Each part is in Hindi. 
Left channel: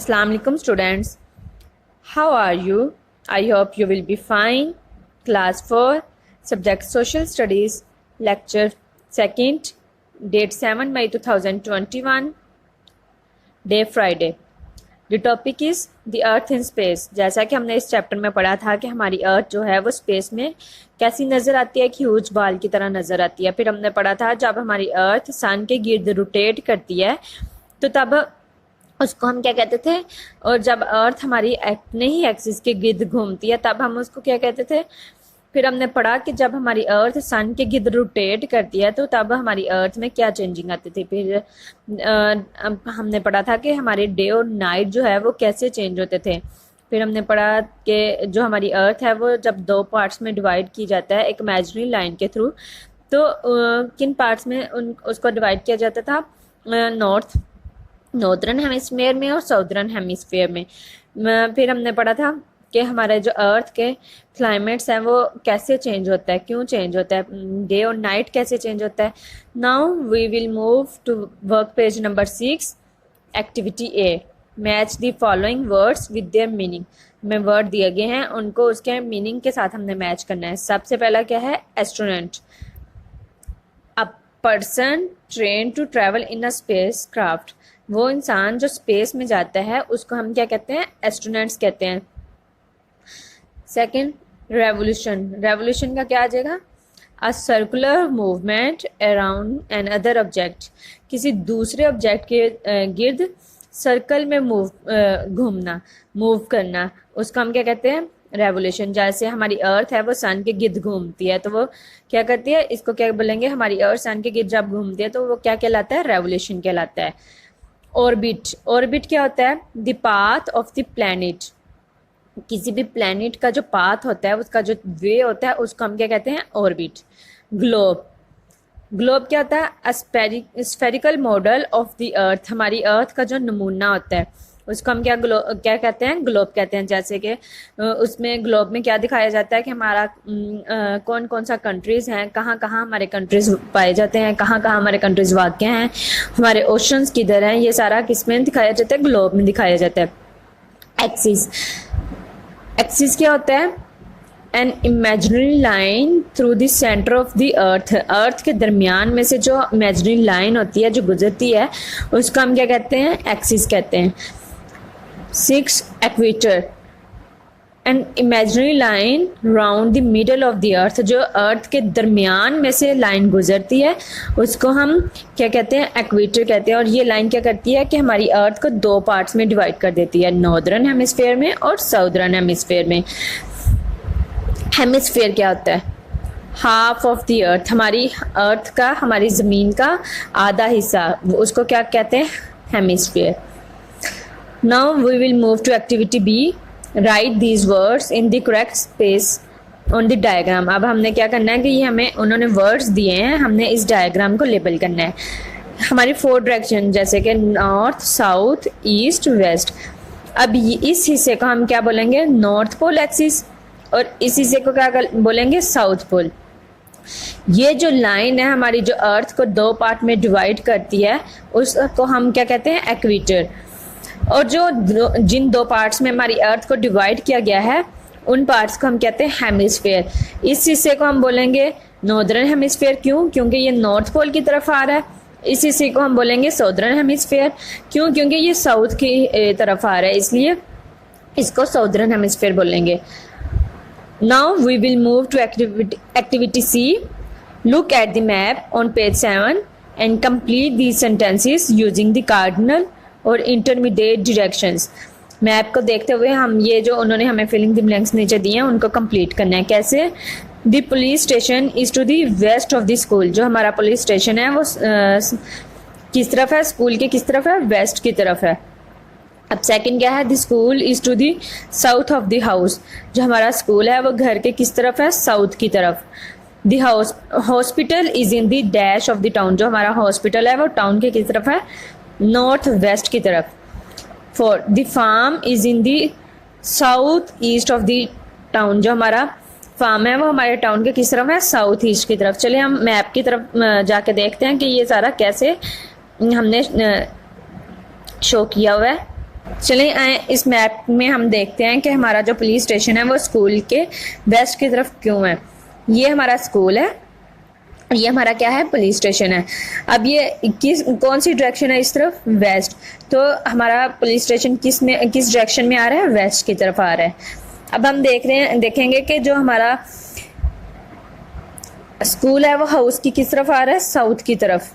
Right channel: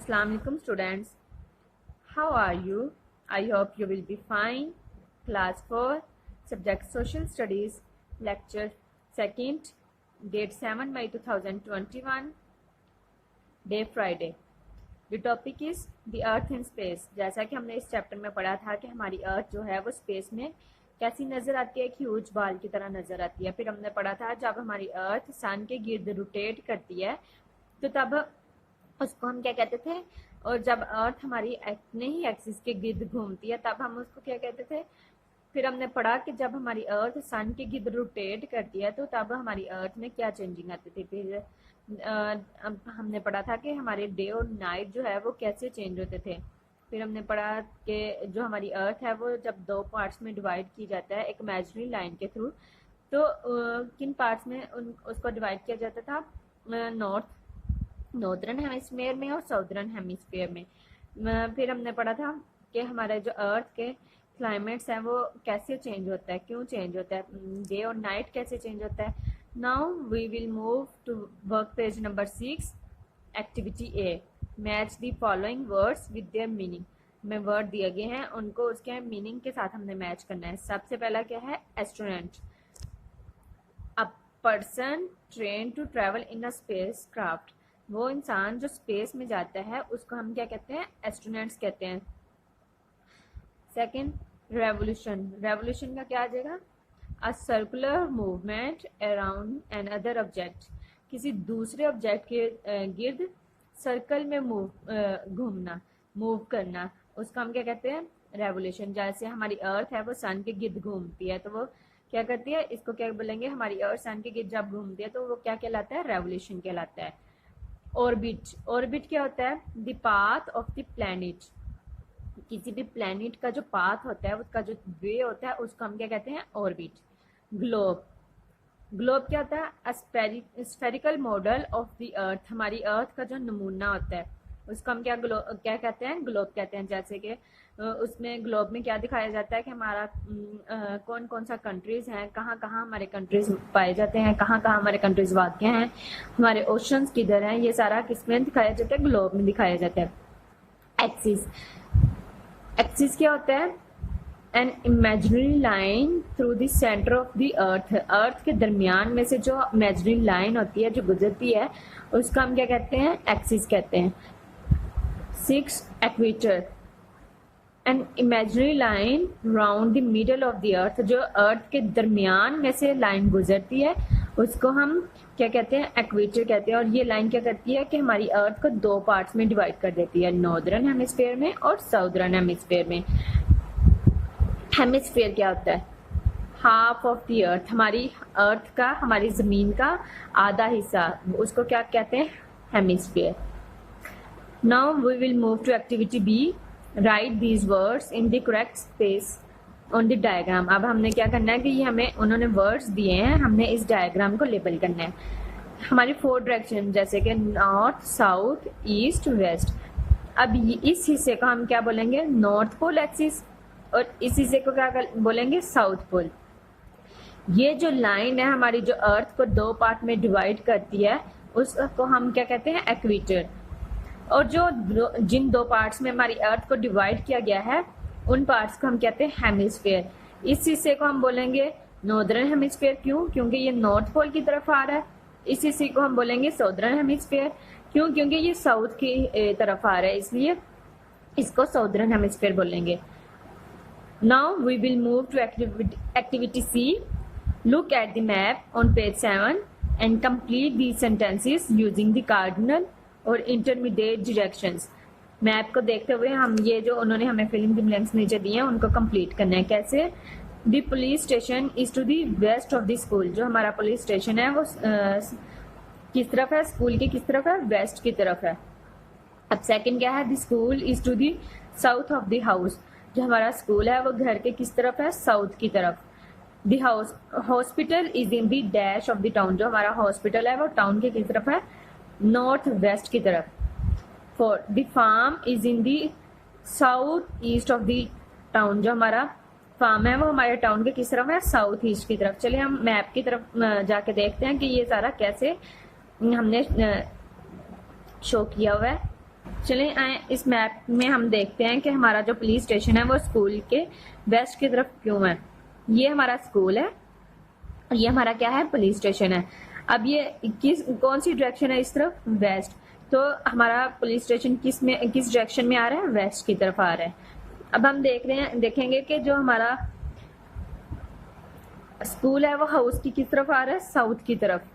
Assalamu alaikum students. How are you? I hope you will be fine. Class 4, Subject Social Studies, Lecture 2nd, date 7 May 2021, Day Friday. The topic is the Earth in Space. जैसा कि हमने इस चैप्टर में पढ़ा था कि हमारी अर्थ जो है वो स्पेस में कैसी नज़र आती है, एक ह्यूज बाल की तरह नज़र आती है। फिर हमने पढ़ा था जब हमारी अर्थ सन के गिर्द रोटेट करती है तो तब उसको हम क्या कहते थे, और जब अर्थ हमारी अपने ही एक्सिस के गिर्द घूमती है तब हम उसको क्या कहते थे। फिर हमने पढ़ा कि जब हमारी अर्थ सन के गिर्द रोटेट करती है तो तब हमारी अर्थ में क्या चेंजिंग आती थी। फिर हमने पढ़ा था कि हमारे डे और नाइट जो है वो कैसे चेंज होते थे। फिर हमने पढ़ा कि जो हमारी अर्थ है वो जब दो पार्ट्स में डिवाइड की जाता है एक इमेजिनरी लाइन के थ्रू, तो किन पार्ट्स में उसको डिवाइड किया जाता था, नॉर्दर्न हेमिस्फीयर में और साउदर्न हेमिस्फीयर में। फिर हमने पढ़ा था कि हमारे जो अर्थ के क्लाइमेट्स हैं वो कैसे चेंज होता है, क्यों चेंज होता है, डे और नाइट कैसे चेंज होता है। Now we will move to work page number 6, activity A. Match the following words with their meaning. में वर्ड दिए गए हैं, उनको उसके मीनिंग के साथ हमने मैच करना है। सबसे पहला क्या है, astronaut. A person train to travel in a spacecraft. वो इंसान जो स्पेस में जाता है उसको हम क्या कहते हैं, एस्ट्रोनॉट्स कहते हैं। Second, revolution. रेवोल्यूशन का क्या आ जाएगा, a circular movement around an other object. किसी दूसरे ऑब्जेक्ट के गिर्द सर्कल में घूमना, मूव करना, उसको हम क्या कहते हैं, रेवोल्यूशन। जैसे हमारी अर्थ है वो सन के गिर्द घूमती है तो वो क्या करती है, इसको क्या बोलेंगे, हमारी अर्थ सन के गिर्द जब घूमती है तो वो क्या कहलाता है, रेवोल्यूशन कहलाता है। ऑर्बिट। ऑर्बिट क्या होता है, the path of the planet. किसी भी प्लैनेट का जो पाथ होता है, उसका जो वे होता है, उसको हम क्या कहते हैं, ऑर्बिट। ग्लोब। ग्लोब क्या होता है, स्फेरिकल मॉडल ऑफ द अर्थ। हमारी अर्थ का जो नमूना होता है उसको हम क्या कहते हैं, ग्लोब कहते हैं। जैसे कि उसमें ग्लोब में क्या दिखाया जाता है कि हमारा कौन कौन सा कंट्रीज़ हैं, कहाँ कहाँ हमारे कंट्रीज़ पाए जाते हैं, कहाँ कहाँ हमारे कंट्रीज़ वाक़ हैं, हमारे ओशंस किधर हैं, ये सारा किस में दिखाया जाता है, ग्लोब में दिखाया जाता है। एक्सिस। एक्सिस क्या होता है, an imaginary line through the centre of the earth. Earth के दरमियान में से जो इमेजिनरी लाइन होती है जो गुजरती है उसको हम क्या कहते हैं, एक्सिस कहते हैं। 6, equator. N imaginary line round the middle of the अर्थ। जो अर्थ के दरमियान में से लाइन गुजरती है उसको हम क्या कहते हैं, एक्वेटर कहते हैं। और ये लाइन क्या करती है कि हमारी अर्थ को दो पार्ट्स में डिवाइड कर देती है, नॉर्दर्न हेमिस्फीयर में और साउदर्न हेमिस्फीयर में। हेमिस्फीयर क्या होता है, हाफ ऑफ द अर्थ। हमारी अर्थ का, हमारी ज़मीन का आधा हिस्सा, उसको क्या कहते हैं, hemisphere. Now we will move to activity B. Write these words in the correct space on the diagram. अब हमने क्या करना है कि ये हमें उन्होंने वर्ड्स दिए हैं, हमने इस डायग्राम को लेबल करना है। हमारी 4 डायरेक्शन जैसे कि नॉर्थ, साउथ, ईस्ट, वेस्ट। अब इस हिस्से को हम क्या बोलेंगे, नॉर्थ पोल एक्सिस, और इस हिस्से को क्या बोलेंगे, साउथ पोल। ये जो लाइन है हमारी जो अर्थ को दो पार्ट में डिवाइड करती है उसको हम क्या कहते हैं, एक्वेटर। और जो जिन दो पार्ट्स में हमारी अर्थ को डिवाइड किया गया है उन पार्ट्स को हम कहते हैं हेमिस्फीयर। इस हिस्से को हम बोलेंगे नॉर्दर्न हेमिस्फीयर। क्यों, क्योंकि ये नॉर्थ पोल की तरफ आ रहा है। इस हिस्से को हम बोलेंगे साउदर्न हेमिस्फीयर। क्यों, क्योंकि ये साउथ की तरफ आ रहा है, इसलिए इसको साउदर्न हेमिस्फीयर बोलेंगे। Now we will move to activity C. Look at the map on page 7 and complete these sentences using the cardinal और intermediate directions. मैप को देखते हुए हम ये जो उन्होंने हमें फिलिंग द ब्लैंक्स नीचे दिए हैं उनको कंप्लीट करना है। कैसे, the police station is to the west of the school. जो हमारा पुलिस स्टेशन है वो किस तरफ है, स्कूल के किस तरफ है, वेस्ट की तरफ है। अब सेकंड क्या है, the school is to the south of the house. जो हमारा स्कूल है वो घर के किस तरफ है, साउथ की तरफ। The house hospital is in the dash of the town. जो हमारा हॉस्पिटल है वो टाउन के किस तरफ है, नॉर्थ वेस्ट की तरफ। 4, the farm is in the south east of the town. जो हमारा फार्म है वो हमारे टाउन के किस तरफ है, साउथ ईस्ट की तरफ। चलिए हम मैप की तरफ जाके देखते हैं कि ये सारा कैसे हमने शो किया हुआ है। चलें आए इस मैप में हम देखते हैं कि हमारा जो पुलिस स्टेशन है वो स्कूल के वेस्ट की तरफ क्यों है। ये हमारा स्कूल है, ये हमारा क्या है, पुलिस स्टेशन है। अब ये कौन सी डायरेक्शन है, इस तरफ वेस्ट, तो हमारा पुलिस स्टेशन किस डायरेक्शन में आ रहा है, वेस्ट की तरफ आ रहा है। अब हम देखेंगे कि जो हमारा स्कूल है वो हाउस की किस तरफ आ रहा है, साउथ की तरफ।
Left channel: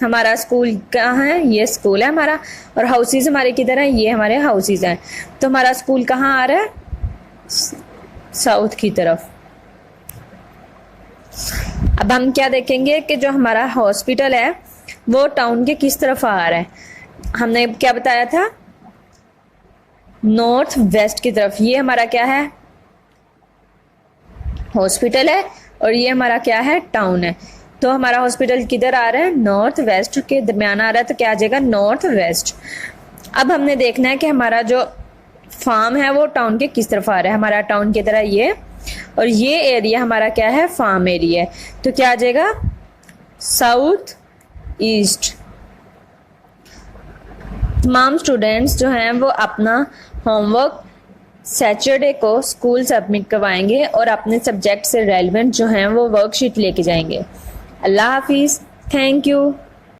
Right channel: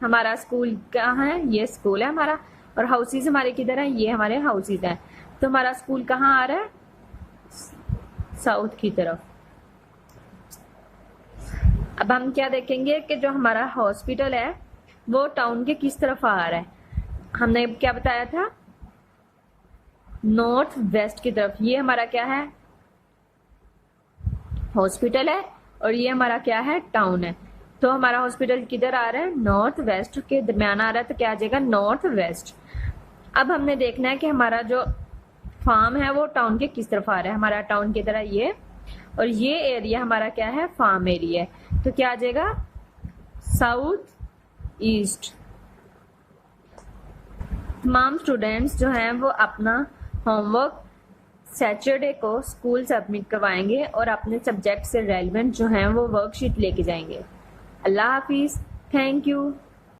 हमारा स्कूल कहाँ है, ये स्कूल है हमारा, और हाउसेज हमारे किधर है, ये हमारे हाउसेज हैं। तो हमारा स्कूल कहाँ आ रहा है, साउथ की तरफ। अब हम क्या देखेंगे कि जो हमारा हॉस्पिटल है वो टाउन के किस तरफ आ रहा है। हमने क्या बताया था, नॉर्थ वेस्ट की तरफ। ये हमारा क्या है, हॉस्पिटल है, और ये हमारा क्या है, टाउन है। तो हमारा हॉस्पिटल किधर आ रहा है, नॉर्थ वेस्ट के दरमियान आ रहा है, तो क्या आ जाएगा, नॉर्थ वेस्ट। अब हमने देखना है कि हमारा जो फार्म है वो टाउन के किस तरफ आ रहा है। हमारा टाउन की तरह ये, और ये एरिया हमारा क्या है, फार्म एरिया है। तो क्या आ जाएगा, साउथ ईस्ट। तमाम स्टूडेंट्स जो हैं वो अपना होमवर्क सैटरडे को स्कूल सबमिट करवाएंगे और अपने सब्जेक्ट से रेलिवेंट जो हैं वो वर्कशीट लेके जाएंगे। अल्लाह हाफिज़, थैंक यू।